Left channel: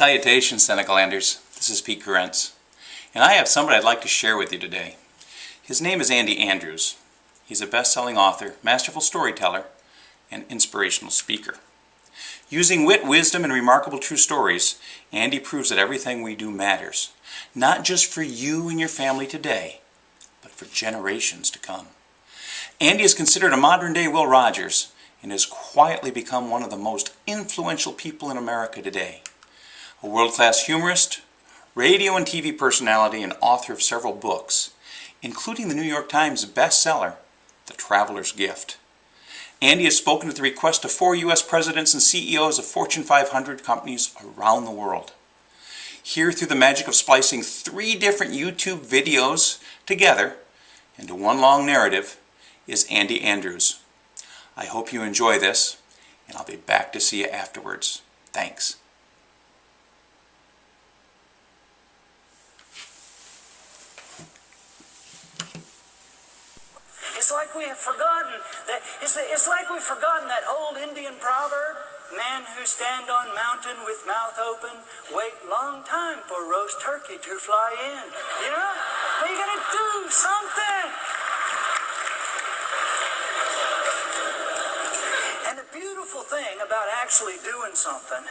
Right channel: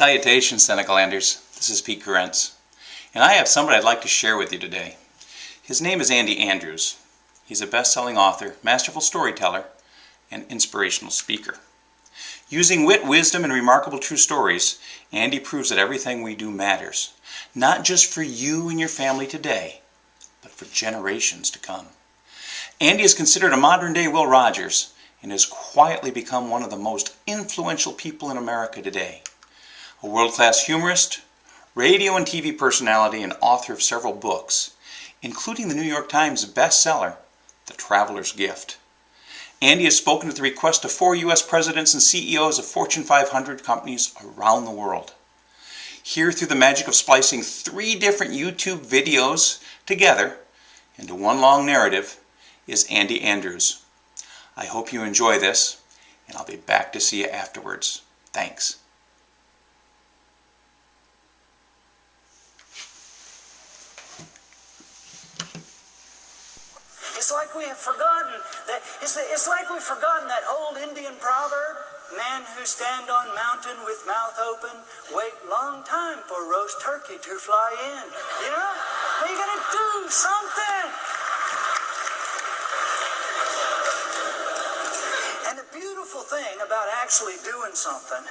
Salutations, Senecalanders. This is Pete Carentz, and I have somebody I'd like to share with you today. His name is Andy Andrews. He's a best-selling author, masterful storyteller, and inspirational speaker. Using wit, wisdom, and remarkable true stories, Andy proves that everything we do matters, not just for you and your family today, but for generations to come. Andy is considered a modern-day Will Rogers and has quietly become one of the most influential people in America today. A world-class humorist, radio and TV personality, and author of several books, including the New York Times bestseller, The Traveler's Gift. Andy has spoken at the request of 4 U.S. presidents and CEOs of Fortune 500 companies around the world. Here, through the magic of splicing 3 different YouTube videos together into one long narrative, is Andy Andrews. I hope you enjoy this, and I'll be back to see you afterwards. Thanks. It's like we have forgotten that. It's like we've forgotten that old Indian proverb: "Men who stand on mountain with mouth open wait long time for roast turkey to fly in." You know, you gotta do something. And the beautiful thing about actually doing something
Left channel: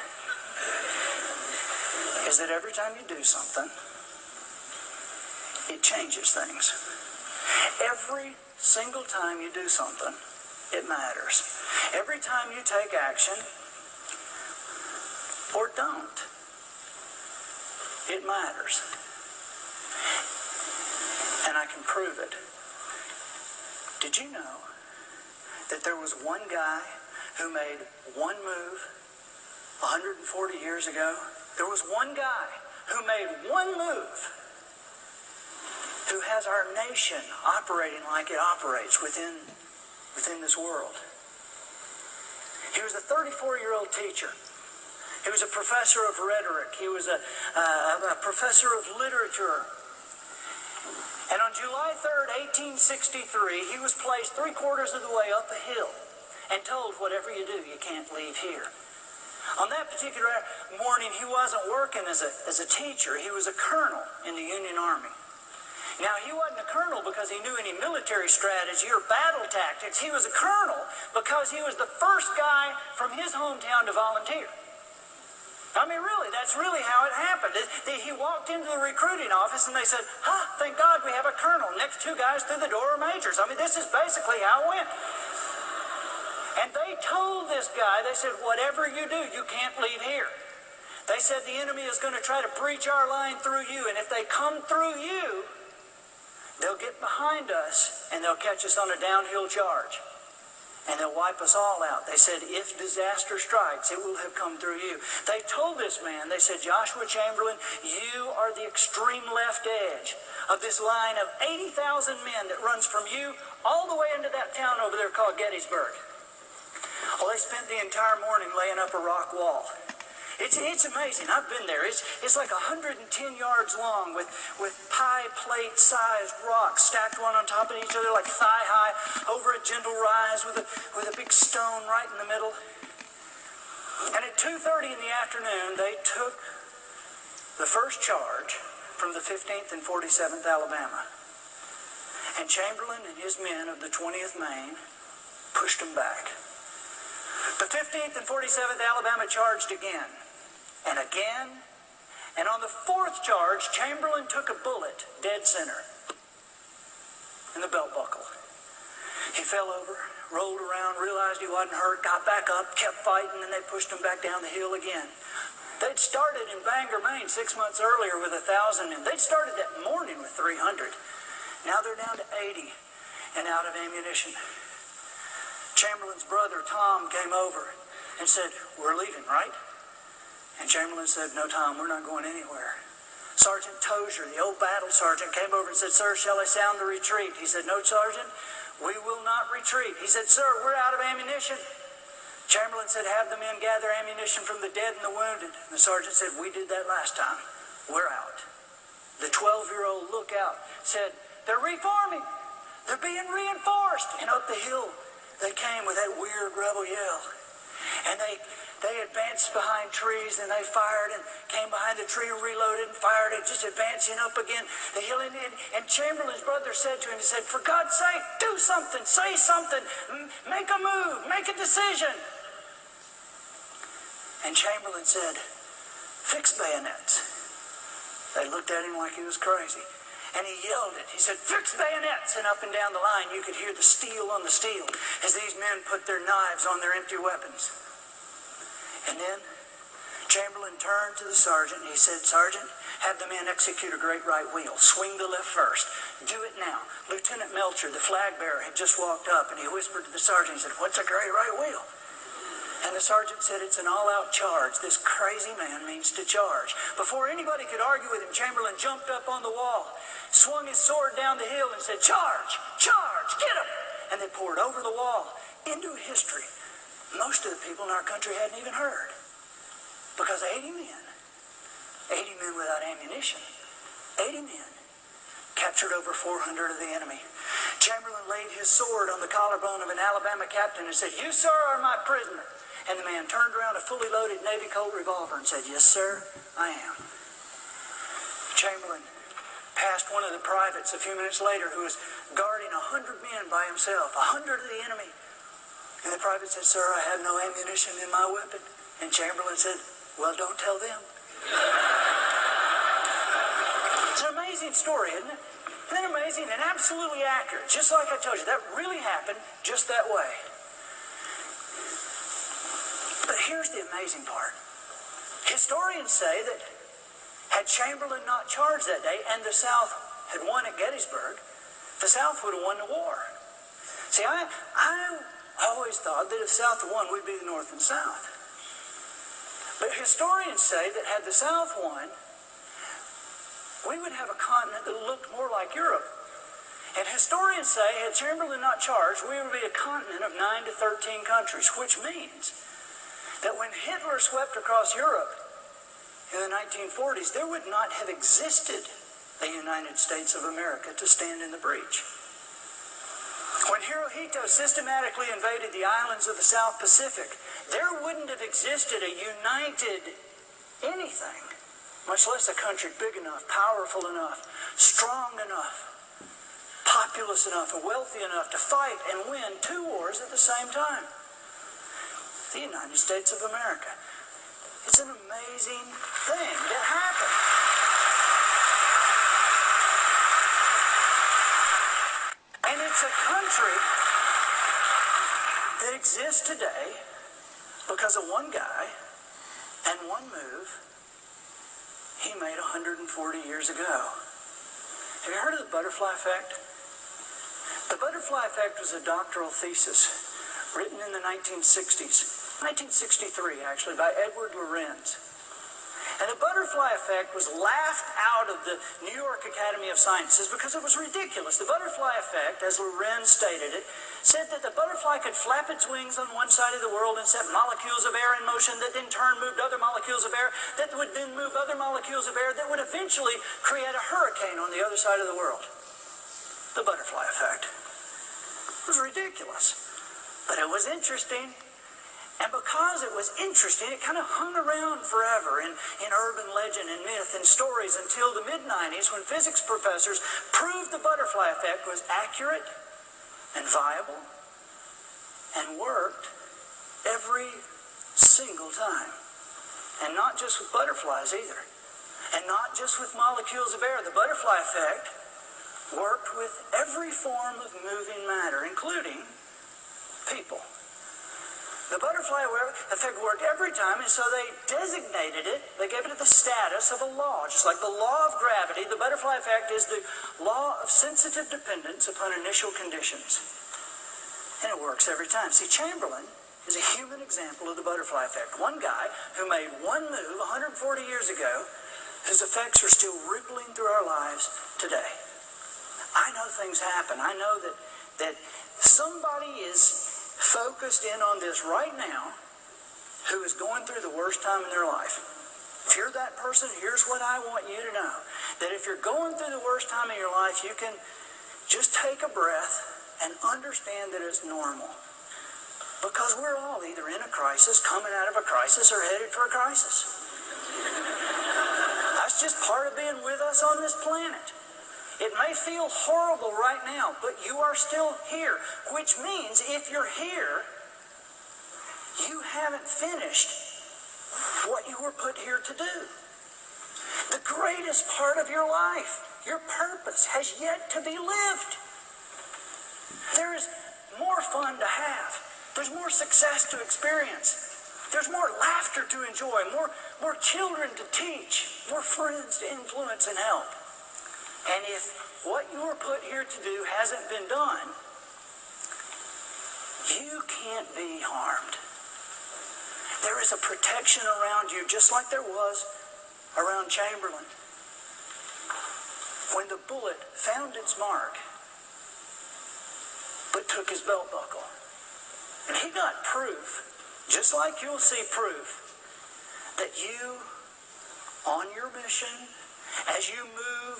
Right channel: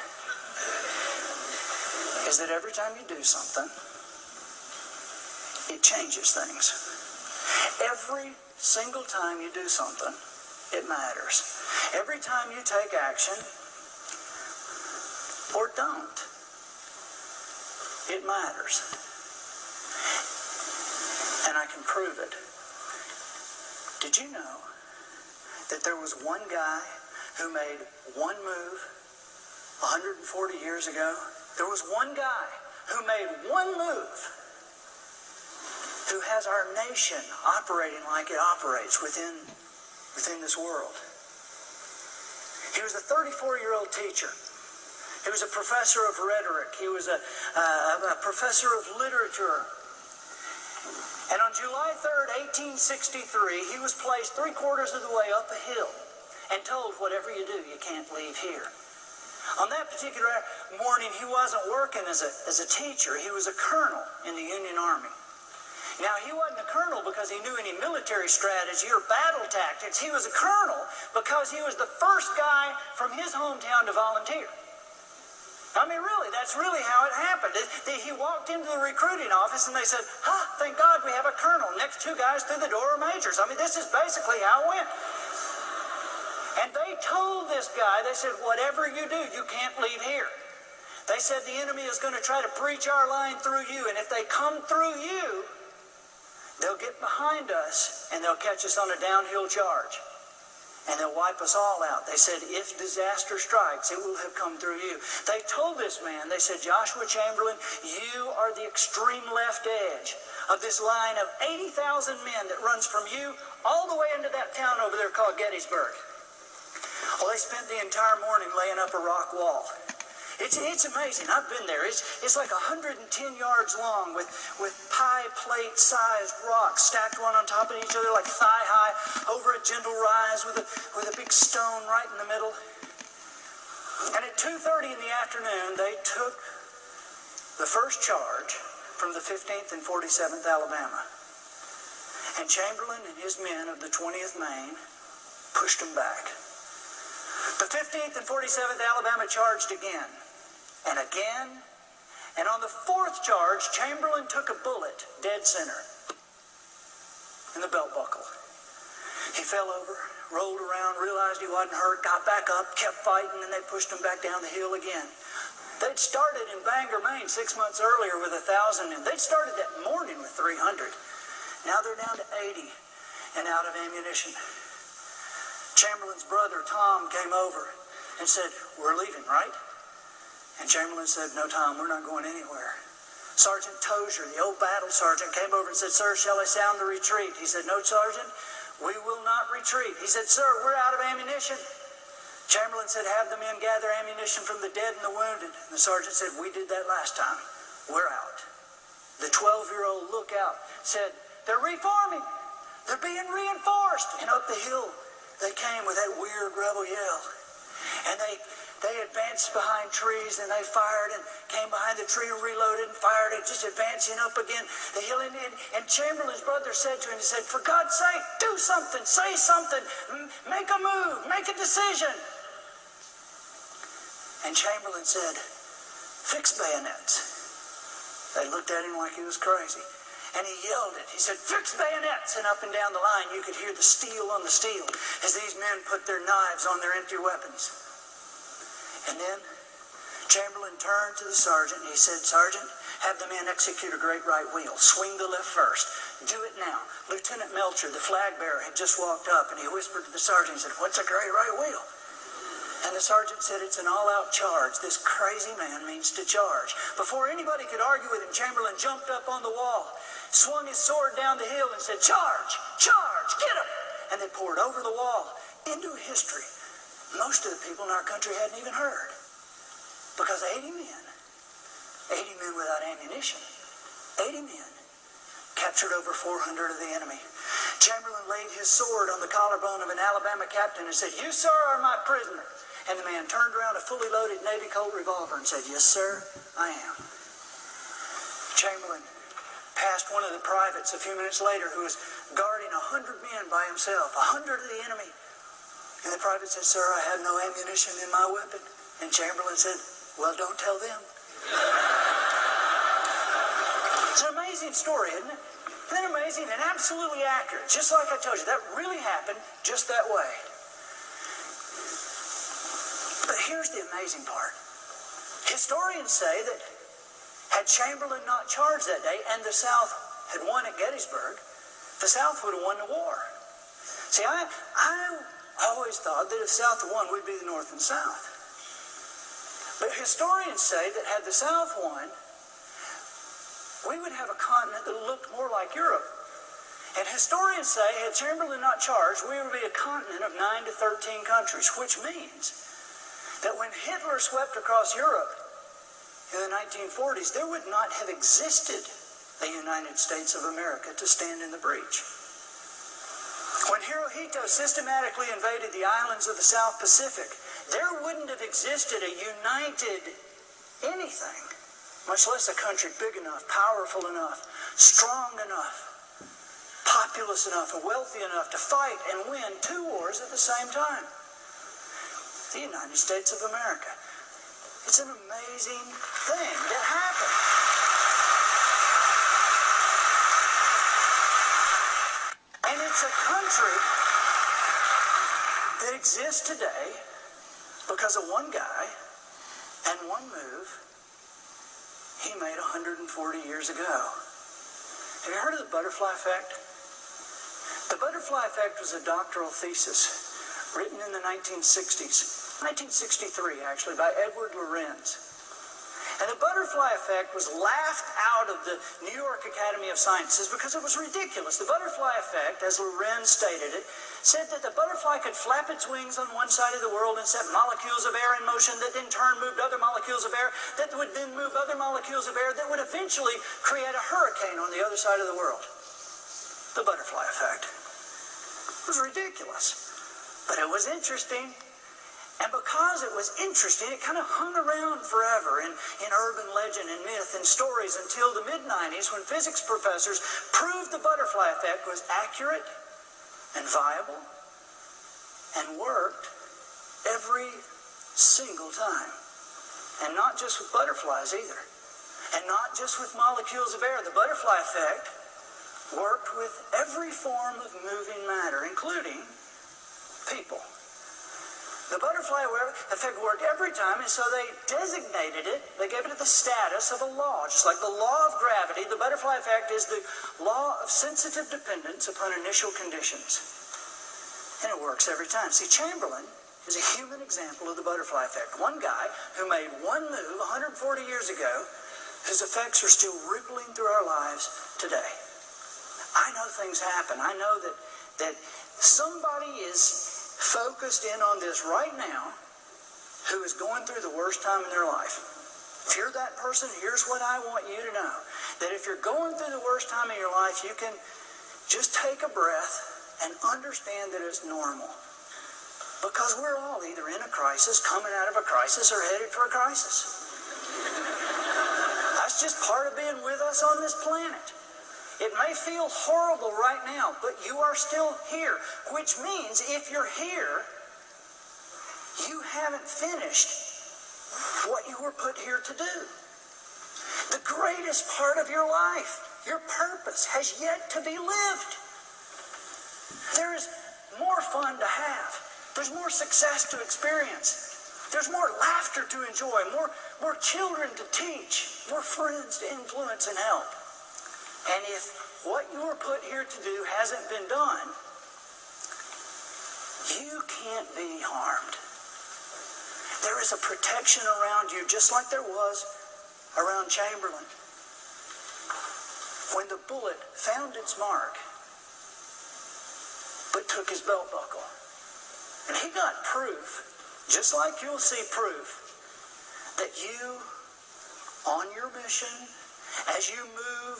is that every time you do something, it changes things. Every single time you do something, it matters. Every time you take action, or don't, it matters. And I can prove it. Did you know that there was one guy who made one move 140 years ago? There was one guy who made one move who has our nation operating like it operates within this world. He was a 34-year-old teacher. He was a professor of rhetoric. He was a professor of literature. And on July 3rd, 1863, he was placed 3/4 of the way up a hill and told, "Whatever you do, you can't leave here." On that particular morning, he wasn't working as a teacher. He was a colonel in the Union Army. Now, he wasn't a colonel because he knew any military strategy or battle tactics. He was a colonel because he was the first guy from his hometown to volunteer. I mean, really, that's really how it happened. He walked into the recruiting office and they said, thank God we have a colonel. Next 2 guys through the door are majors. I mean, this is basically how it went. And they told this guy, they said, "Whatever you do, you can't leave here." They said the enemy is going to try to breach our line through you, and if they come through you, they'll get behind us and they'll catch us on a downhill charge. And they'll wipe us all out. They said, if disaster strikes, it will have come through you. They told this man, they said, "Joshua Chamberlain, you are the extreme left edge of this line of 80,000 men that runs from you all the way into that town over there called Gettysburg." Well, they spent the entire morning laying up a rock wall. It's amazing. I've been there. It's like 110 yards long with pie plate sized rocks stacked one on top of each other like thigh high over a gentle rise with a big stone right in the middle. And at 2:30 in the afternoon, they took the first charge from the 15th and 47th Alabama. And Chamberlain and his men of the 20th Maine pushed them back. The 15th and 47th Alabama charged again. And again, and on the 4th charge, Chamberlain took a bullet dead center in the belt buckle. He fell over, rolled around, realized he wasn't hurt, got back up, kept fighting, and they pushed him back down the hill again. They'd started in Bangor, Maine 6 months earlier with 1,000 men. They'd started that morning with 300. Now they're down to 80 and out of ammunition. Chamberlain's brother, Tom, came over and said, "We're leaving, right?" And Chamberlain said, "No, Tom, we're not going anywhere." Sergeant Tozier, the old battle sergeant, came over and said, "Sir, shall I sound the retreat?" He said, "No, Sergeant, we will not retreat." He said, "Sir, we're out of ammunition." Chamberlain said, "Have the men gather ammunition from the dead and the wounded." And the sergeant said, "We did that last time. We're out." The 12-year-old lookout said, "They're reforming. They're being reinforced." And up the hill they came with that weird rebel yell. And they They advanced behind trees and they fired and came behind the tree, reloaded and fired and just advancing up again the hill. And Chamberlain's brother said to him, he said, for God's sake, do something, say something, make a move, make a decision. And Chamberlain said, fix bayonets. They looked at him like he was crazy. And he yelled it. He said, fix bayonets. And up and down the line, you could hear the steel on the steel as these men put their knives on their empty weapons. And then Chamberlain turned to the sergeant and he said, Sergeant, have the men execute a great right wheel. Swing the left first. Do it now. Lieutenant Melcher, the flag bearer, had just walked up and he whispered to the sergeant, he said, what's a great right wheel? And the sergeant said, it's an all-out charge. This crazy man means to charge. Before anybody could argue with him, Chamberlain jumped up on the wall, swung his sword down the hill and said, charge, charge, get him. And they poured over the wall into history most of the people in our country hadn't even heard. Because 80 men without ammunition, 80 men captured over 400 of the enemy. Chamberlain laid his sword on the collarbone of an Alabama captain and said, you, sir, are my prisoner. And the man turned around a fully loaded Navy Colt revolver and said, yes, sir, I am. Chamberlain passed one of the privates a few minutes later who was guarding 100 men by himself, 100 of the enemy. And the private said, sir, I have no ammunition in my weapon. And Chamberlain said, well, don't tell them. It's an amazing story, isn't it? Isn't it amazing and absolutely accurate? Just like I told you, that really happened just that way. But here's the amazing part. Historians say that had Chamberlain not charged that day and the South had won at Gettysburg, the South would have won the war. See, I always thought that if the South had won, we'd be the North and South. But historians say that had the South won, we would have a continent that looked more like Europe. And historians say, had Chamberlain not charged, we would be a continent of 9 to 13 countries, which means that when Hitler swept across Europe in the 1940s, there would not have existed a United States of America to stand in the breach. When Hirohito systematically invaded the islands of the South Pacific, there wouldn't have existed a united anything, much less a country big enough, powerful enough, strong enough, populous enough, and wealthy enough to fight and win 2 wars at the same time. The United States of America. It's an amazing thing that happened. And it's a country that exists today because of one guy and one move he made 140 years ago. Have you heard of the butterfly effect? The butterfly effect was a doctoral thesis written in the 1960s. 1963, actually, by Edward Lorenz. And the butterfly effect was laughed out of the New York Academy of Sciences because it was ridiculous. The butterfly effect, as Lorenz stated it, said that the butterfly could flap its wings on one side of the world and set molecules of air in motion that in turn moved other molecules of air that would then move other molecules of air that would eventually create a hurricane on the other side of the world. The butterfly effect. It was ridiculous. But it was interesting. And because it was interesting, it kind of hung around forever in urban legend and myth and stories until the mid-90s when physics professors proved the butterfly effect was accurate and viable and worked every single time. And not just with butterflies either. And not just with molecules of air. The butterfly effect worked with every form of moving matter, including people. The butterfly effect worked every time, and so they designated it, they gave it the status of a law. Just like the law of gravity, the butterfly effect is the law of sensitive dependence upon initial conditions. And it works every time. See, Chamberlain is a human example of the butterfly effect. One guy who made one move 140 years ago, whose effects are still rippling through our lives today. I know things happen. I know that somebody is focused in on this right now who is going through the worst time in their life. If you're that person, here's what I want you to know. That if you're going through the worst time in your life, you can just take a breath and understand that it's normal. Because we're all either in a crisis, coming out of a crisis, or headed for a crisis. That's just part of being with us on this planet. It may feel horrible right now, but you are still here, which means if you're here, you haven't finished what you were put here to do. The greatest part of your life, your purpose, has yet to be lived. There is more fun to have. There's more success to experience. There's more laughter to enjoy, more children to teach, more friends to influence and help. And if what you were put here to do hasn't been done, you can't be harmed. There is a protection around you, just like there was around Chamberlain. When the bullet found its mark, but took his belt buckle. And he got proof, just like you'll see proof, that you, on your mission, as you move,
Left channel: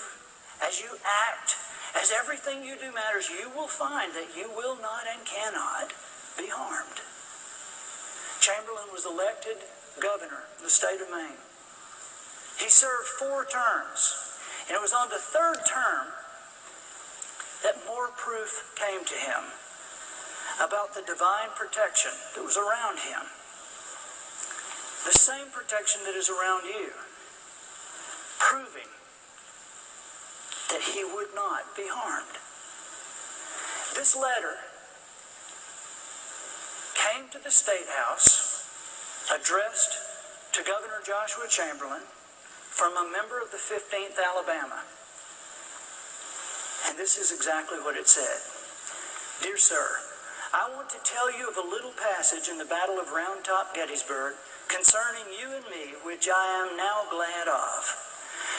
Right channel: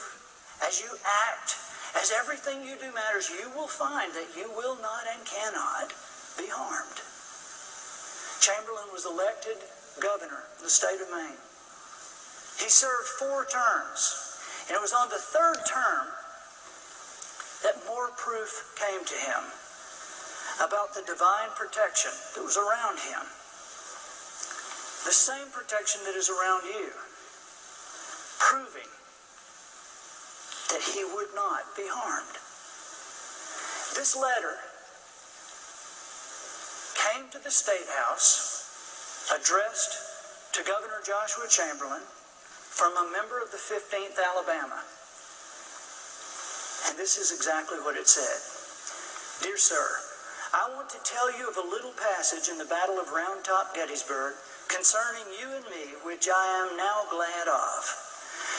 as you act, as everything you do matters, you will find that you will not and cannot be harmed. Chamberlain was elected governor of the state of Maine. He served 4 terms, and it was on the 3rd term that more proof came to him about the divine protection that was around him. The same protection that is around you, proving that he would not be harmed. This letter came to the State House, addressed to Governor Joshua Chamberlain from a member of the 15th Alabama. And this is exactly what it said. Dear sir, I want to tell you of a little passage in the Battle of Round Top Gettysburg concerning you and me, which I am now glad of.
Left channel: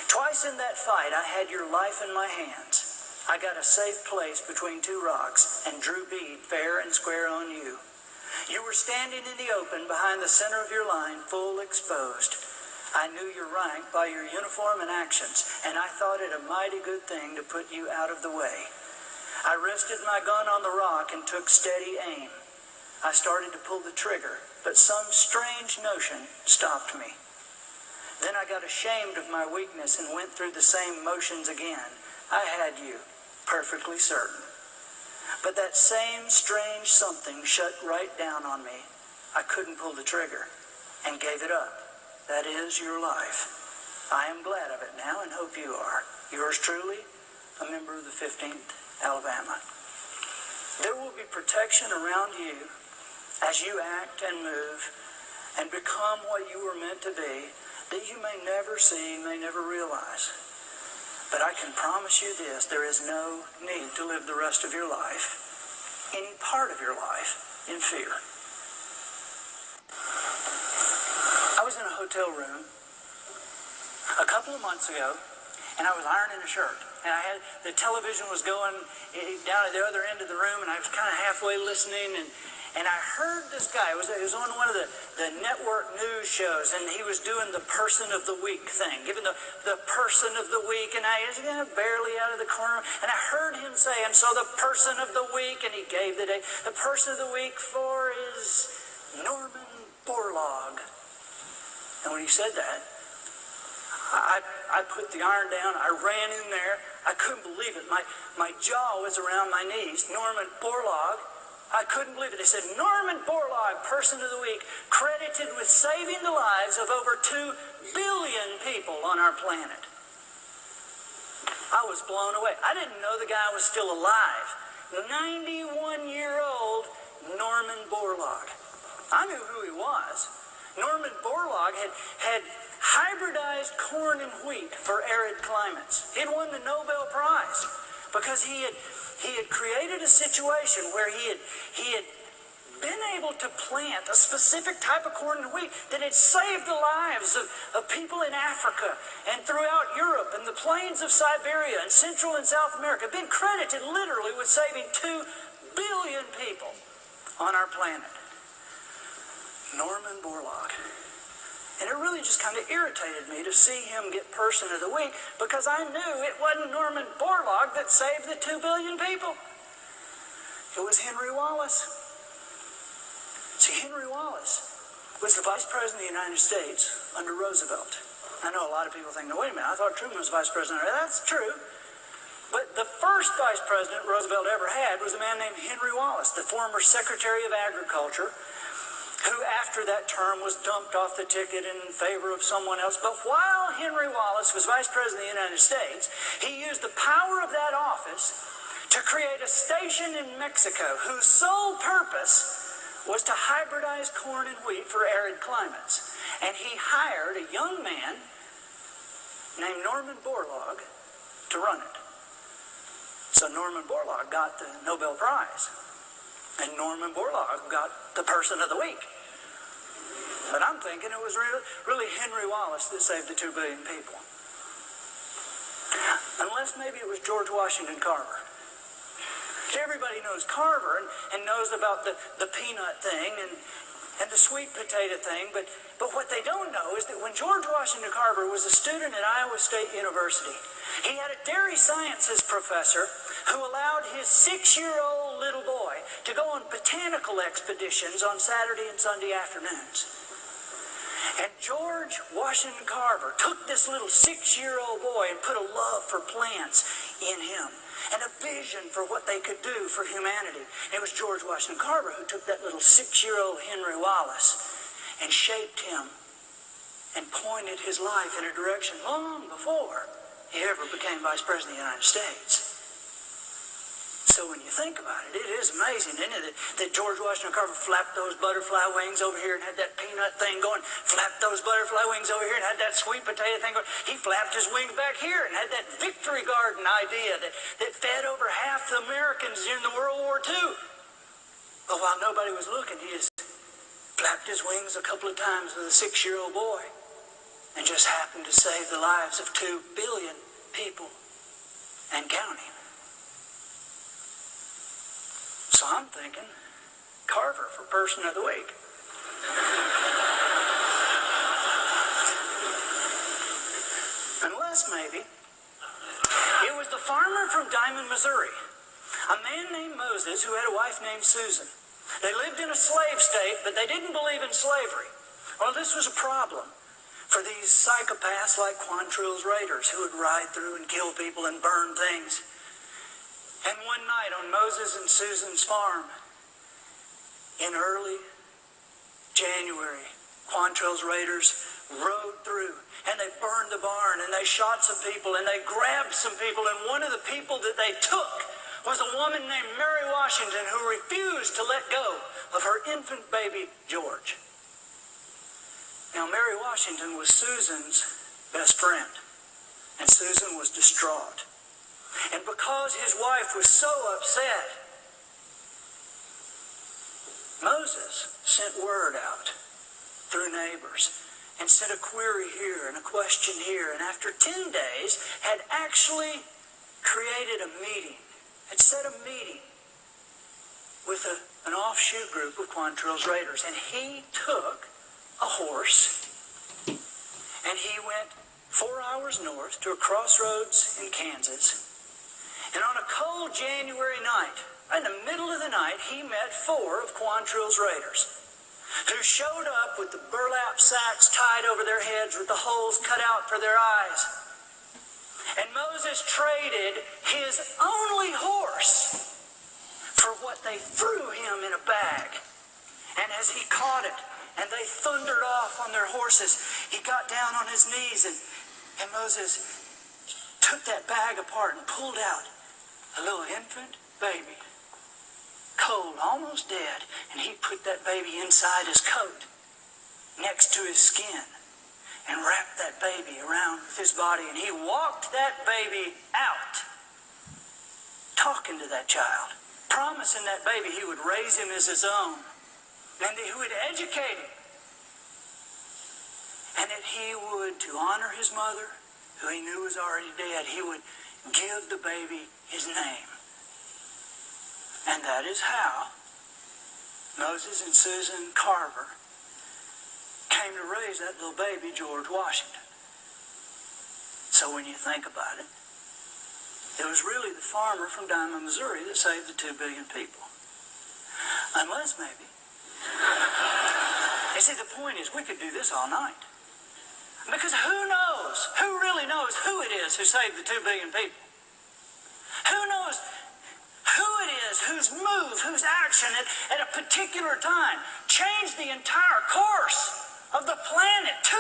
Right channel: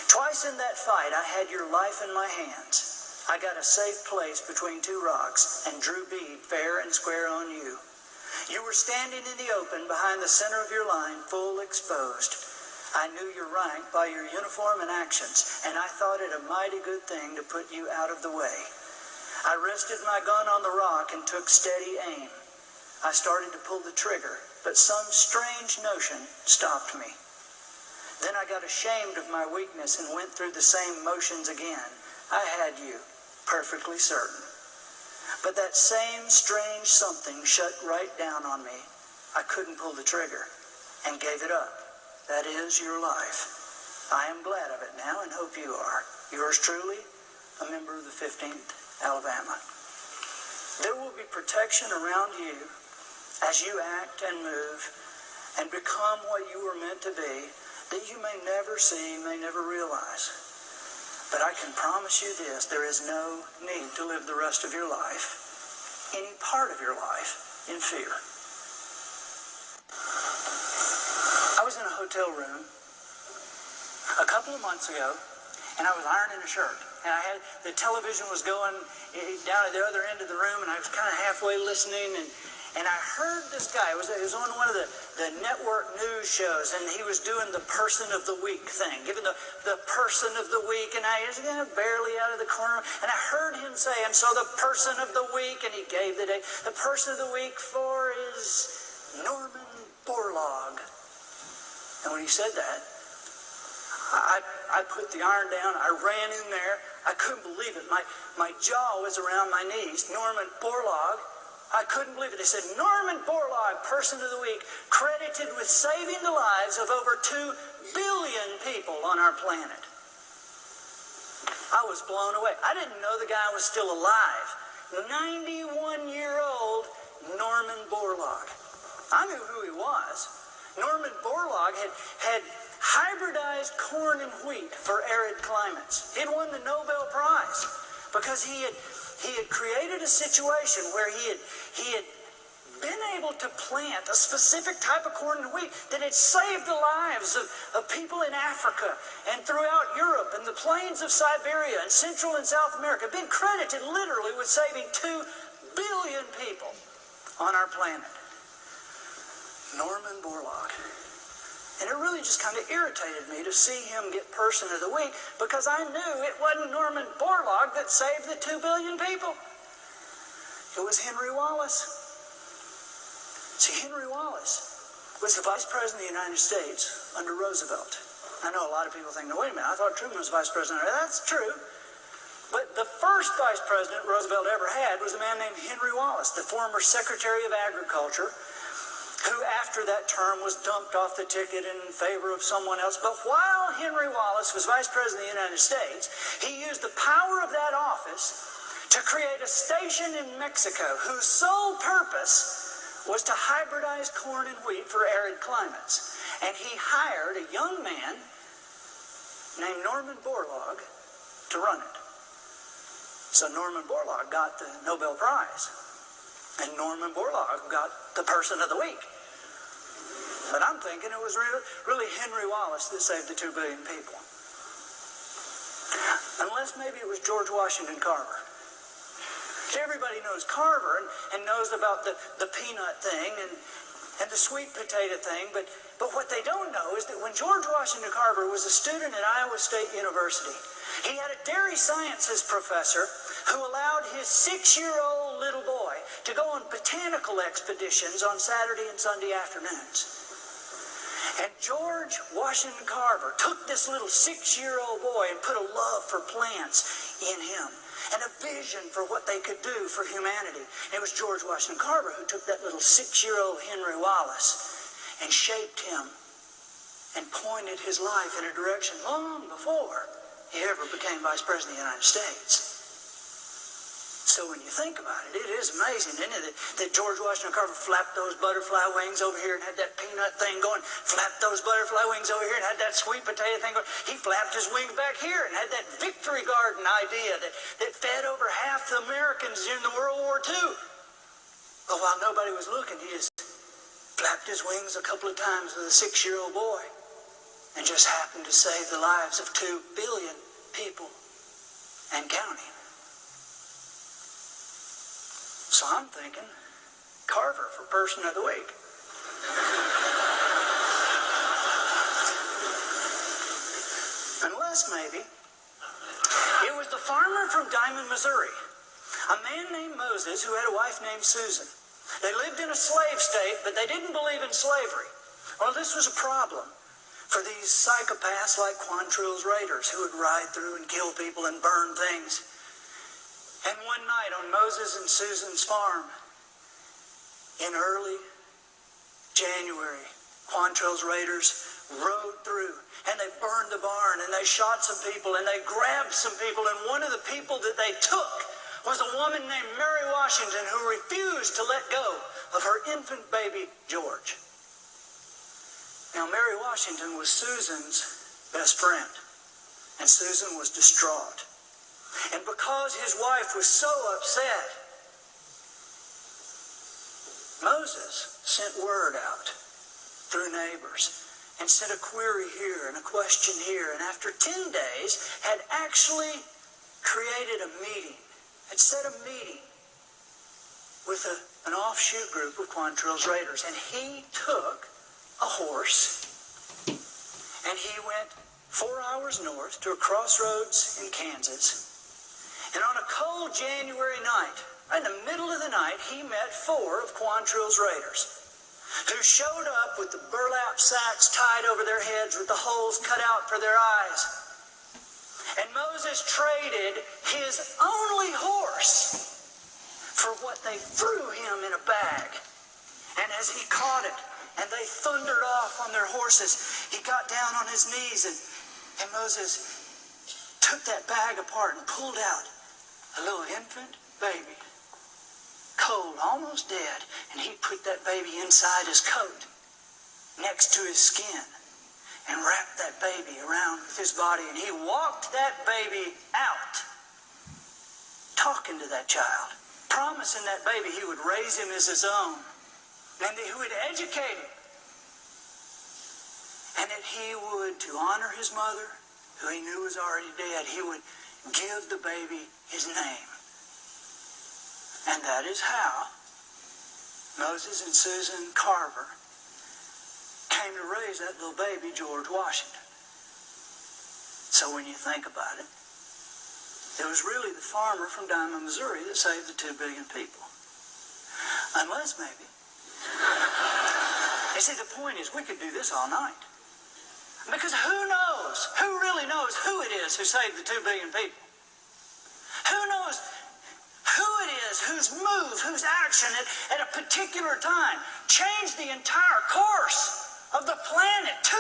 Twice in that fight I had your life in my hands. I got a safe place between 2 rocks and drew bead fair and square on you. You were standing in the open behind the center of your line, full exposed. I knew your rank by your uniform and actions, and I thought it a mighty good thing to put you out of the way. I rested my gun on the rock and took steady aim. I started to pull the trigger, but some strange notion stopped me. Then I got ashamed of my weakness and went through the same motions again. I had you, perfectly certain. But that same strange something shut right down on me. I couldn't pull the trigger and gave it up. That is your life. I am glad of it now and hope you are. Yours truly, a member of the 15th Alabama. There will be protection around you as you act and move and become what you were meant to be, that you may never see, may never realize. But I can promise you this, there is no need to live the rest of your life, any part of your life, in fear. I was in a hotel room a couple of months ago, and I was ironing a shirt. And I had the television was going down at the other end of the room, and I was kind of halfway listening, and I heard this guy. It was on one of the network news shows, and he was doing the person of the week thing, giving the person of the week, and I was barely out of the corner, and I heard him say, and so the person of the week, and he gave the day, the person of the week for is Norman Borlaug. And when he said that, I put the iron down, I ran in there, I couldn't believe it. My jaw was around my knees. Norman Borlaug, I couldn't believe it. They said, Norman Borlaug, person of the week, credited with saving the lives of over 2 billion people on our planet. I was blown away. I didn't know the guy was still alive. 91-year-old Norman Borlaug. I knew who he was. Norman Borlaug had hybridized corn and wheat for arid climates. He'd won the Nobel Prize because he had created a situation where he had been able to plant a specific type of corn and wheat that had saved the lives of people in Africa and throughout Europe and the plains of Siberia and Central and South America. Been credited literally with saving 2 billion people on our planet. Norman Borlaug. And it really just kind of irritated me to see him get person of the week because I knew it wasn't Norman Borlaug that saved the 2 billion people. It was Henry Wallace. See, Henry Wallace was the Vice President of the United States under Roosevelt. I know a lot of people think, no, wait a minute, I thought Truman was Vice President. That's true. But the first Vice President Roosevelt ever had was a man named Henry Wallace, the former Secretary of Agriculture, who after that term was dumped off the ticket in favor of someone else. But while Henry Wallace was Vice President of the United States, he used the power of that office to create a station in Mexico whose sole purpose was to hybridize corn and wheat for arid climates. And he hired a young man named Norman Borlaug to run it. So Norman Borlaug got the Nobel Prize. And Norman Borlaug got the Person of the Week. But I'm thinking it was really Henry Wallace that saved the 2 billion people. Unless maybe it was George Washington Carver. Everybody knows Carver and knows about the peanut thing and the sweet potato thing, but what they don't know is that when George Washington Carver was a student at Iowa State University, he had a dairy sciences professor who allowed his 6-year-old little boy to go on botanical expeditions on Saturday and Sunday afternoons. And George Washington Carver took this little 6-year-old boy and put a love for plants in him and a vision for what they could do for humanity. And it was George Washington Carver who took that little 6-year-old Henry Wallace and shaped him and pointed his life in a direction long before he ever became Vice President of the United States. So when you think about it, it is amazing, isn't it, that George Washington Carver flapped those butterfly wings over here and had that peanut thing going, flapped those butterfly wings over here and had that sweet potato thing going. He flapped his wings back here and had that victory garden idea that fed over half the Americans during the World War II. But while nobody was looking, he just flapped his wings a couple of times with a 6-year-old boy and just happened to save the lives of 2 billion people and counting. So I'm thinking, Carver for Person of the Week. Unless maybe it was the farmer from Diamond, Missouri, a man named Moses who had a wife named Susan. They lived in a slave state, but they didn't believe in slavery. Well, this was a problem for these psychopaths like Quantrill's raiders who would ride through and kill people and burn things. And one night on Moses and Susan's farm, in early January, Quantrill's raiders rode through and they burned the barn and they shot some people and they grabbed some people, and one of the people that they took was a woman named Mary Washington who refused to let go of her infant baby, George. Now, Mary Washington was Susan's best friend, and Susan was distraught. And because his wife was so upset, Moses sent word out through neighbors and sent a query here and a question here, and after 10 days had actually created a meeting, had set a meeting with an offshoot group of Quantrill's raiders. And he took a horse and he went 4 hours north to a crossroads in Kansas. And on a cold January night, in the middle of the night, he met 4 of Quantrill's raiders who showed up with the burlap sacks tied over their heads with the holes cut out for their eyes. And Moses traded his only horse for what they threw him in a bag. And as he caught it and they thundered off on their horses, he got down on his knees and Moses took that bag apart and pulled out a little infant baby, cold, almost dead, and he put that baby inside his coat, next to his skin, and wrapped that baby around with his body, and he walked that baby out, talking to that child, promising that baby he would raise him as his own, and that he would educate him, and that he would, to honor his mother, who he knew was already dead, he would give the baby his name. And that is how Moses and Susan Carver came to raise that little baby, George Washington. So when you think about it, it was really the farmer from Diamond, Missouri that saved the 2 billion people. Unless maybe You see, the point is we could do this all night. Because who really knows who it is who saved the 2 billion people? Who knows who it is whose move, whose action at a particular time changed the entire course of the planet? 2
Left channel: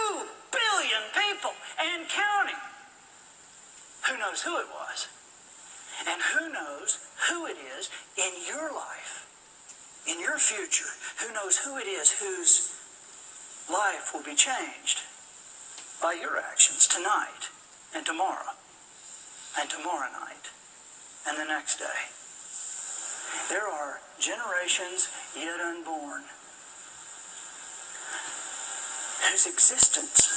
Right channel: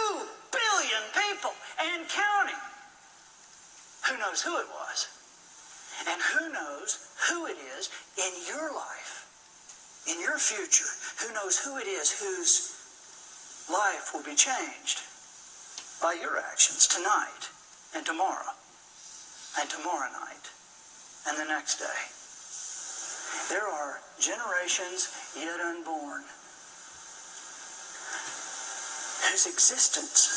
billion people and counting. Who knows who it was? And who knows who it is in your life, in your future? Who knows who it is whose life will be changed by your actions tonight and tomorrow night and the next day? There are generations yet unborn whose existence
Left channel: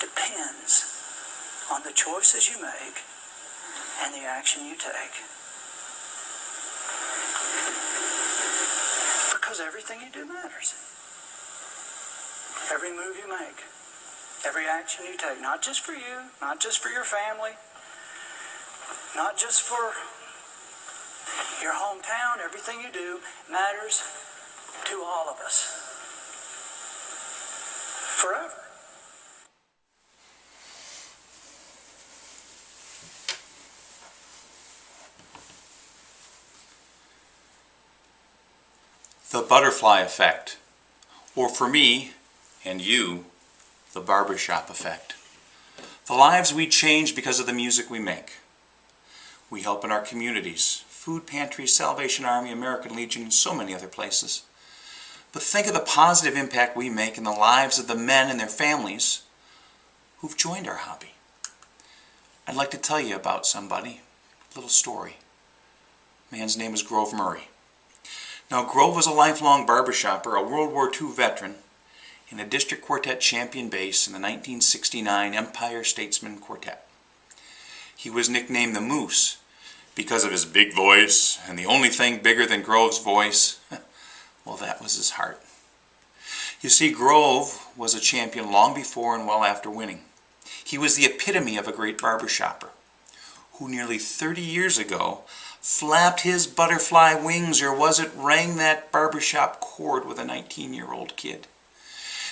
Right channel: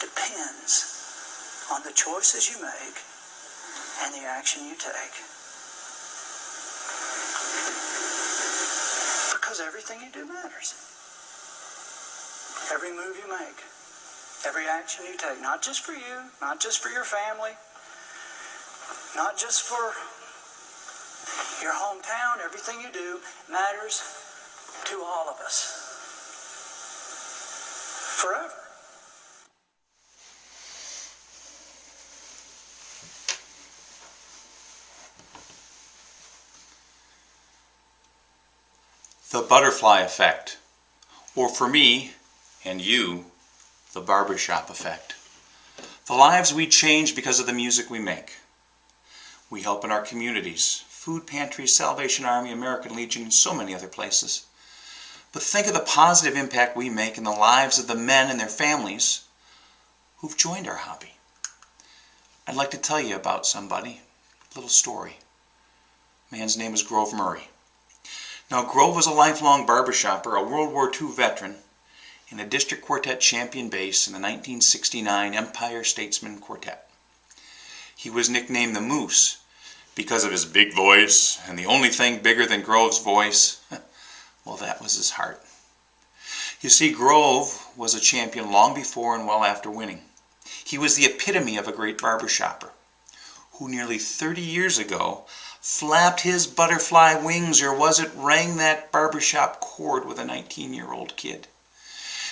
depends on the choices you make and the action you take. Because everything you do matters. Every move you make, every action you take, not just for you, not just for your family, not just for your hometown, everything you do matters to all of us. Forever. The Butterfly Effect, or for me and you, the Barbershop Effect. The lives we change because of the music we make. We help in our communities, food pantries, Salvation Army, American Legion, and so many other places. But think of the positive impact we make in the lives of the men and their families who've joined our hobby. I'd like to tell you about somebody, a little story. Man's name is Grove Murray. Now, Grove was a lifelong barbershopper, a World War II veteran, and a district quartet champion bass in the 1969 Empire Statesman Quartet. He was nicknamed the Moose because of his big voice, and the only thing bigger than Grove's voice, well, that was his heart. You see, Grove was a champion long before and well after winning. He was the epitome of a great barbershopper who nearly 30 years ago flapped his butterfly wings, or was it rang that barbershop chord with a 19-year-old kid.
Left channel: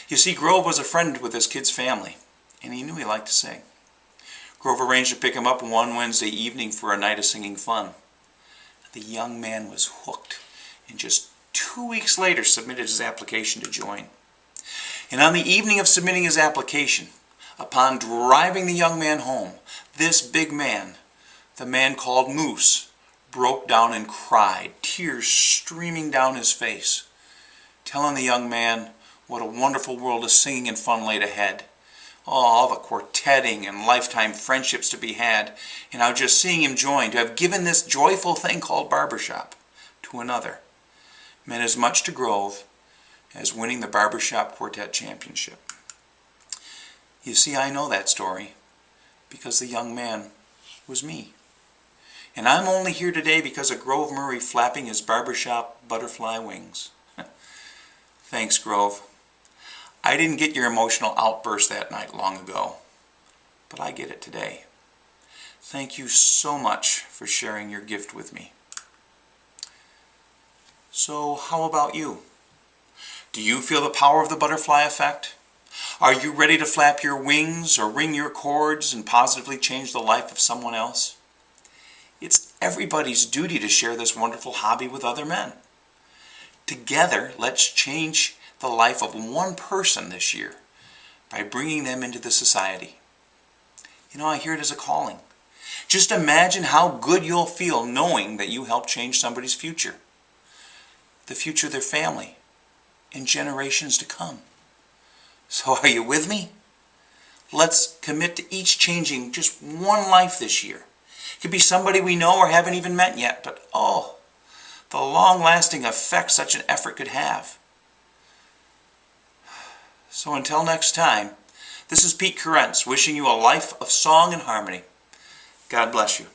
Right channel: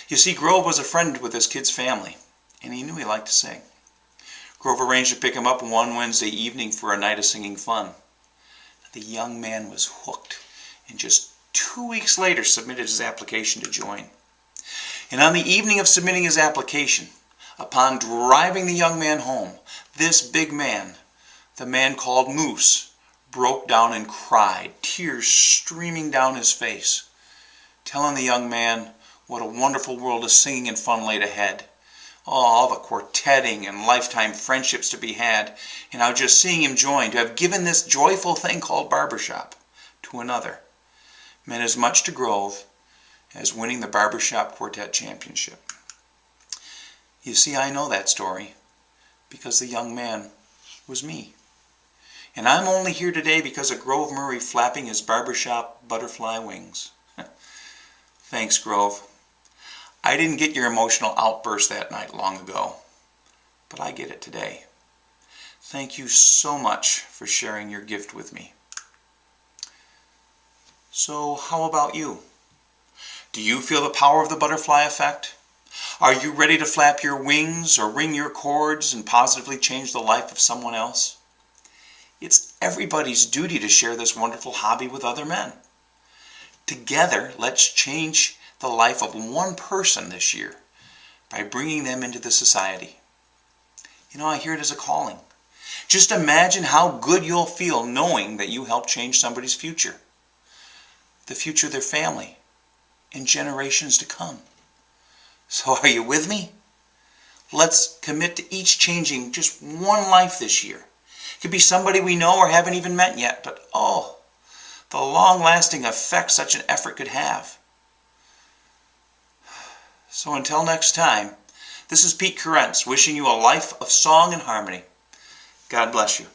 You see, Grove was a friend with his kid's family, and he knew he liked to sing. Grove arranged to pick him up one Wednesday evening for a night of singing fun. The young man was hooked, and just 2 weeks later submitted his application to join. And on the evening of submitting his application, upon driving the young man home, this big man, the man called Moose, broke down and cried, tears streaming down his face, telling the young man what a wonderful world of singing and fun laid ahead. Oh, all the quartetting and lifetime friendships to be had, and how just seeing him join, to have given this joyful thing called barbershop to another, meant as much to Grove as winning the Barbershop Quartet Championship. You see, I know that story because the young man was me. And I'm only here today because of Grove Murray flapping his barbershop butterfly wings. Thanks, Grove. I didn't get your emotional outburst that night long ago, but I get it today. Thank you so much for sharing your gift with me. So how about you? Do you feel the power of the butterfly effect? Are you ready to flap your wings or ring your chords and positively change the life of someone else? It's everybody's duty to share this wonderful hobby with other men. Together, let's change the life of one person this year by bringing them into the society. You know, I hear it as a calling. Just imagine how good you'll feel knowing that you helped change somebody's future, the future of their family, and generations to come. So are you with me? Let's commit to each changing just one life this year. It could be somebody we know or haven't even met yet, but oh, the long-lasting effect such an effort could have. So until next time, this is Pete Carentz wishing you a life of song and harmony. God bless you.